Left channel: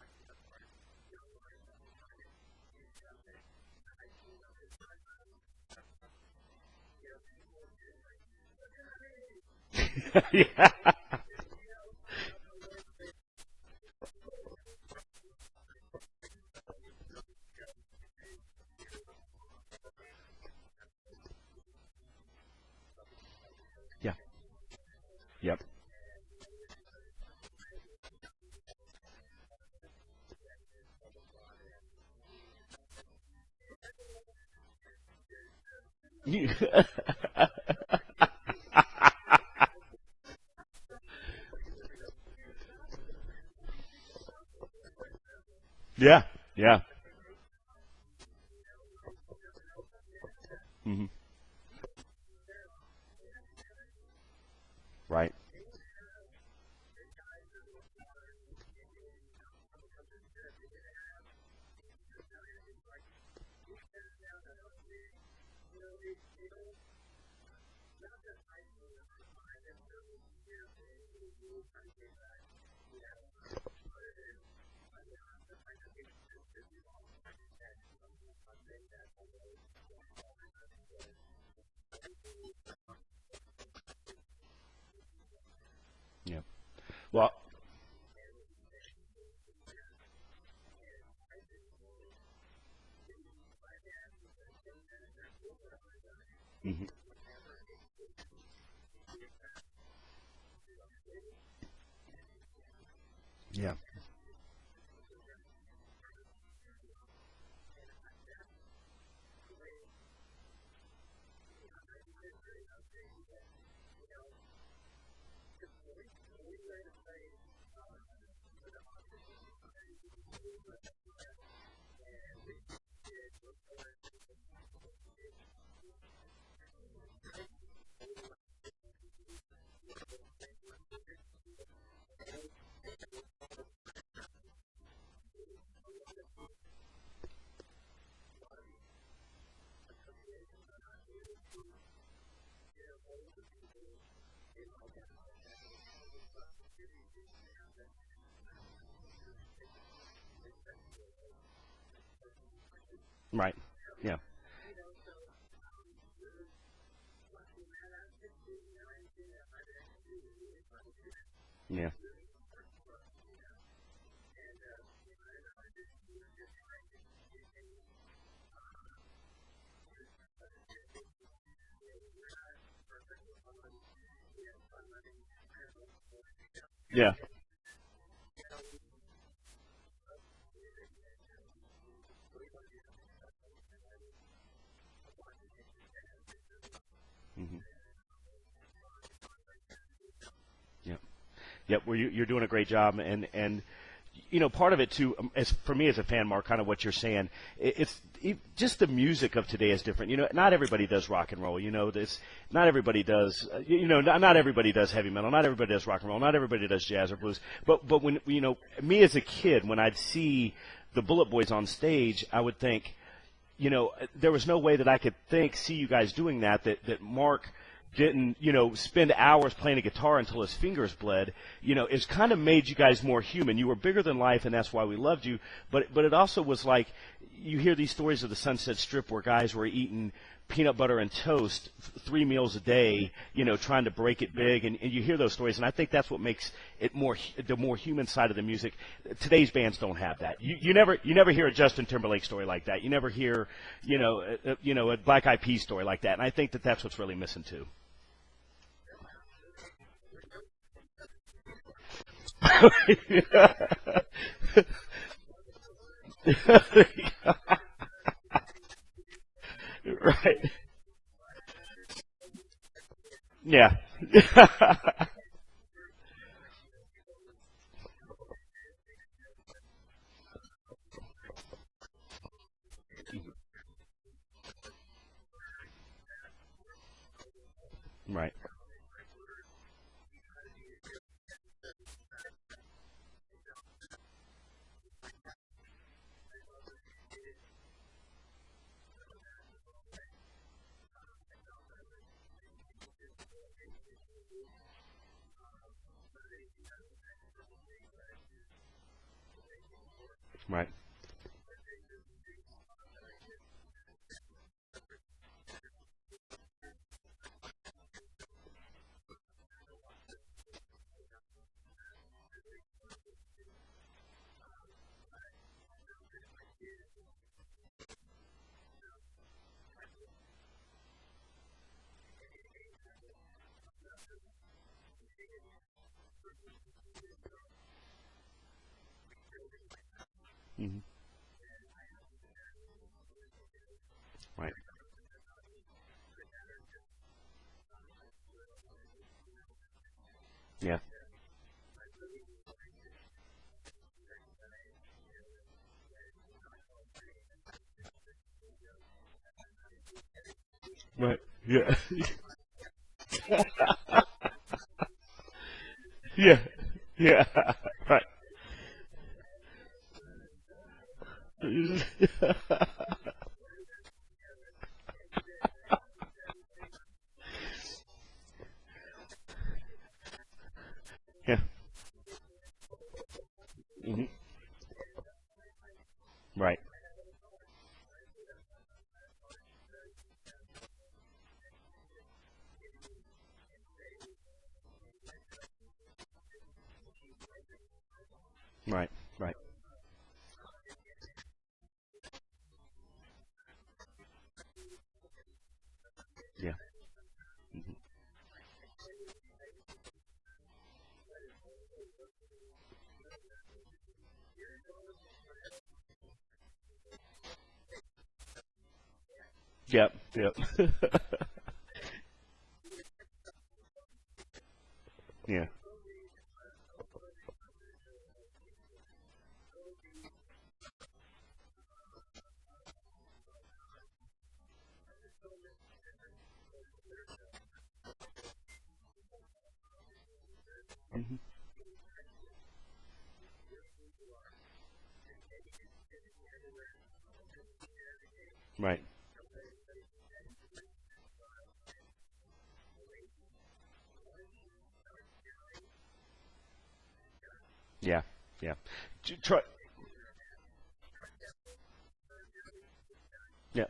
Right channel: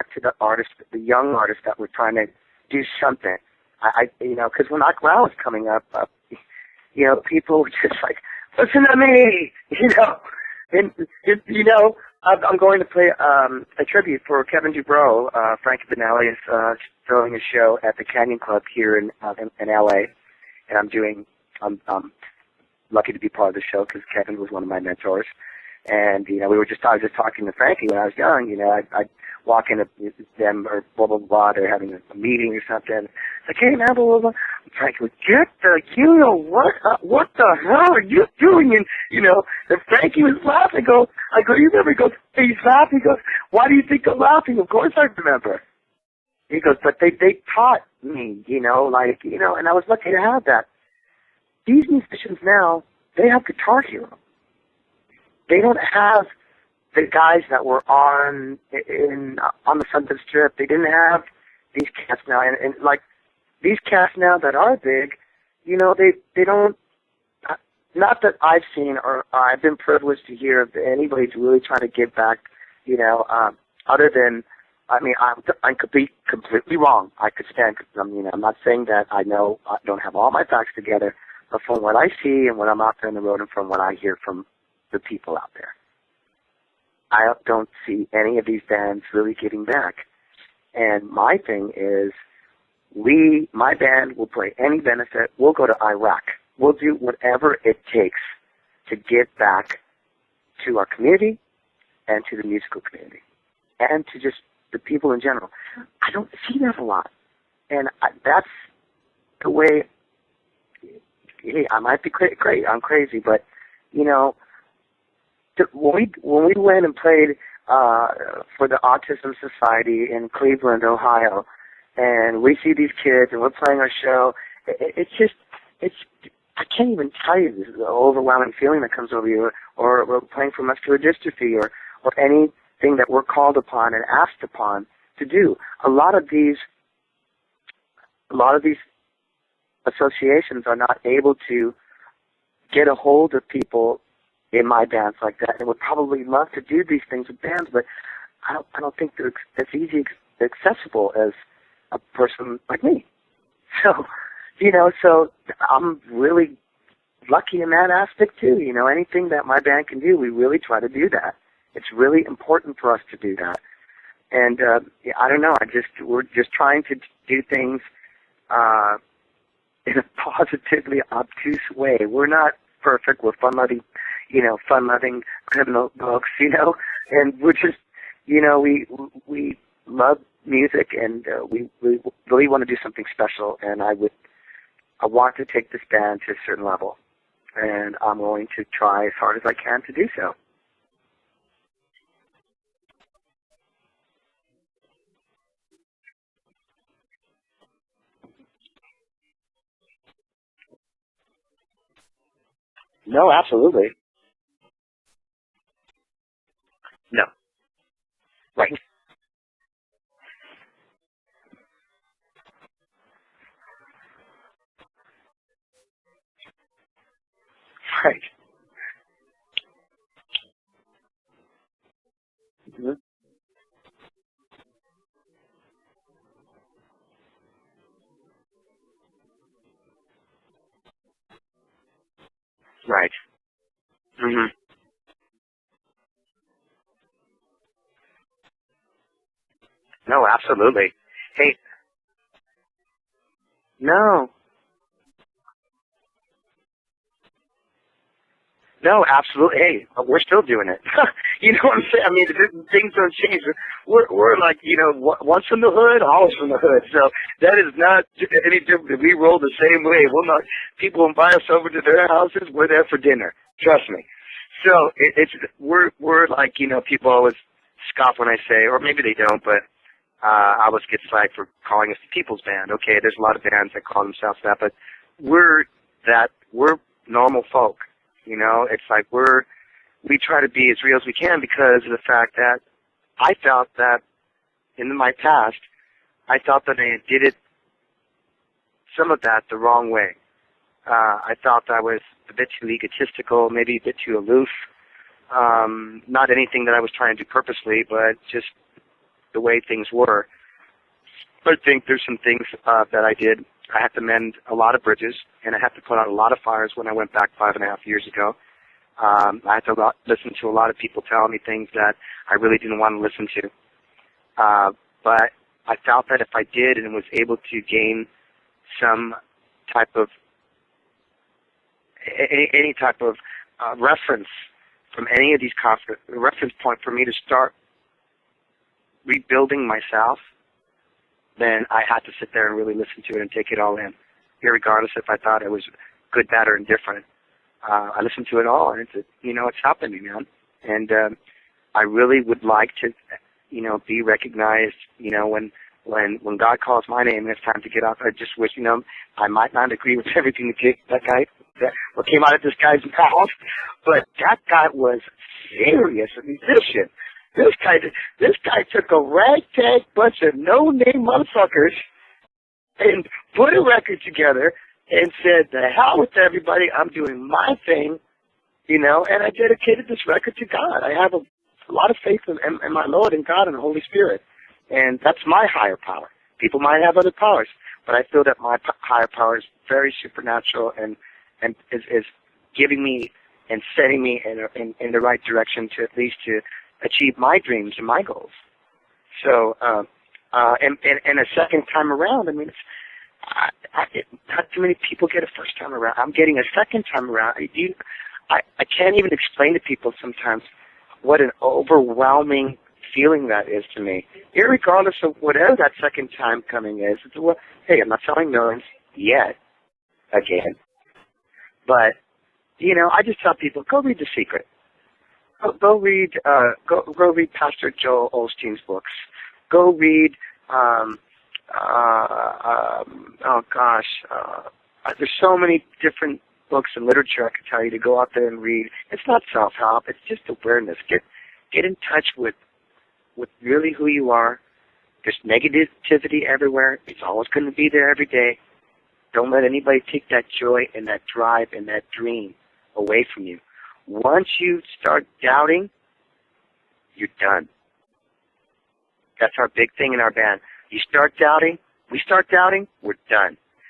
back to the artists, the young artists that were trying to do something. Because when I was coming up, people were just like, listen to me, and I'm going to play a tribute for Kevin Dubrow. Frankie Benelli is throwing a show at the Canyon Club here in L.A., and I'm lucky to be part of the show because Kevin was one of my mentors. Yep. And I was just talking to Frankie when I was young. I'd walk into them or blah blah blah. They're having a meeting or something. It's like, hey man, blah blah blah. Frankie would get what the hell are you doing? And Frankie was laughing. I go, you remember? He goes, hey, he's laughing. He goes, why do you think I'm laughing? Of course I remember. Yeah. He goes, but they taught me, and I was lucky to have that. Mm-hmm. These musicians now, they have Guitar Hero. Right. They don't have the guys that were on the Sunset Strip. They didn't have these cats now, and like these cats now that are big, they don't. Not that I've seen or I've been privileged to hear of anybody's really trying to give back. Other than, I could be completely wrong. I could stand. I'm not saying that I don't have all my facts together, but from what I see and when I'm out there on the road and from what I hear from the people out there. I don't see any of these bands really giving back. And my thing is, my band will play any benefit. We'll go to Iraq. We'll do whatever it takes to give back to our community and to the musical community and to just the people in general. I don't see that a lot. And that's the way, I might be crazy. I'm crazy, but, when we went and played for the Autism Society in Cleveland, Ohio, and we see these kids and we're playing our show, it's I can't even tell you the overwhelming feeling that comes over you, or we're playing for muscular dystrophy or anything that we're called upon and asked upon to do. A lot of these associations are not able to get a hold of people in my bands like that, and would probably love to do these things with bands, but I don't think they're as easy accessible as a person like me. Right. So, so I'm really lucky in that aspect too. Anything that my band can do, we really try to do that. Yeah. It's really important for us to do that. And I don't know. We're just trying to do things in a positively obtuse way. We're not perfect. We're fun-loving criminal folks, Yeah. And we're just, we love music, and we really want to do something special, and I want to take this band to a certain level, and I'm going to try as hard as I can to do so. Yep. Well, you're doing a great job, and part of it too, for me as a fan, Mark, kind of what you're saying, it's just the music of today is different. Not everybody does rock and roll. Not everybody does. No, absolutely. Not everybody does heavy metal. Not everybody does rock and roll. Not everybody does jazz or blues. But when right. Me as a kid, when I'd see the BulletBoys on stage, I would think, there was no way that I could see you guys doing that Mark didn't, spend hours playing a guitar until his fingers bled. It's kind of made you guys more human. You were bigger than life, and that's why we loved you. But it also was like, you hear these stories of the Sunset Strip where guys were eating peanut butter and toast 3 meals a day, right. Trying to break a gig, and you hear those stories, and I think that's what makes it the more human side of the music. Today's bands don't have. No, absolutely. You never hear a Justin Timberlake story like that. You never hear a Black Eyed Peas story like that, and I think that's what's really missing too. No, absolutely. Hey, we're still doing it. You know what I'm saying? I mean, things don't change. We're like, once from the hood, always from the hood. So that is not any different. We roll the same way. People invite us over to their houses. We're there for dinner. Yeah. Trust me. So we're like, people always scoff when I say, or maybe they don't, but I always get flagged for calling us the People's Band. Okay, there's a lot of bands that call themselves that, but we're normal folk. Right. It's like we try to be as real as we can because of the fact that I felt that in my past, I felt that I did some of that the wrong way. I felt I was a bit too egotistical, maybe a bit too aloof. Not anything that I was trying to do purposely, but just the way things were. Right. I think there's some things that I did. I had to mend a lot of bridges, and I had to put out a lot of fires when I went back 5.5 years ago. I had to listen to a lot of people telling me things that I really didn't want to listen to. But I felt that if I did and was able to gain some type of any type of reference from any of these conflicts, a reference point for me to start rebuilding myself, then I had to sit there and really listen to it and take it all in, regardless if I thought it was good, bad, or indifferent. I listened to it all, and it's helping me, man. Yeah. And I really would like to, be recognized, when God calls my name and it's time to get up. I just wish, I might not agree with everything that guy, what came out of this guy's mouth, but that guy was serious and vicious. Yeah. This guy took a ragtag bunch of no-name motherfuckers and put a record together and said, "The hell with everybody, I'm doing my thing," and I dedicated this record to God. I have a lot of faith in my Lord and God and the Holy Spirit, and that's my higher power. People might have other powers, but I feel that my higher power is very supernatural and is giving me and setting me in the right direction to at least to achieve my dreams and my goals. Right. So, and a second time around, I mean, not too many people get a first time around. I'm getting a second time around. I can't even explain to people sometimes what an overwhelming feeling that is to me. Irregardless of whatever that second time coming is. Well, hey, I'm not selling millions yet. Yep. Again. But, I just tell people, go read The Secret. Yeah. Go read Pastor Joel Osteen's books. Go read there's so many different books and literature I could tell you to go out there and read. It's not self-help. It's just awareness. Get in touch with really who you are. There's negativity everywhere. It's always going to be there every day. Right. Don't let anybody take that joy and that drive and that dream away from you. Once you start doubting, you're done. Yeah. That's our big thing in our band. You start doubting, we start doubting, we're done. Yeah.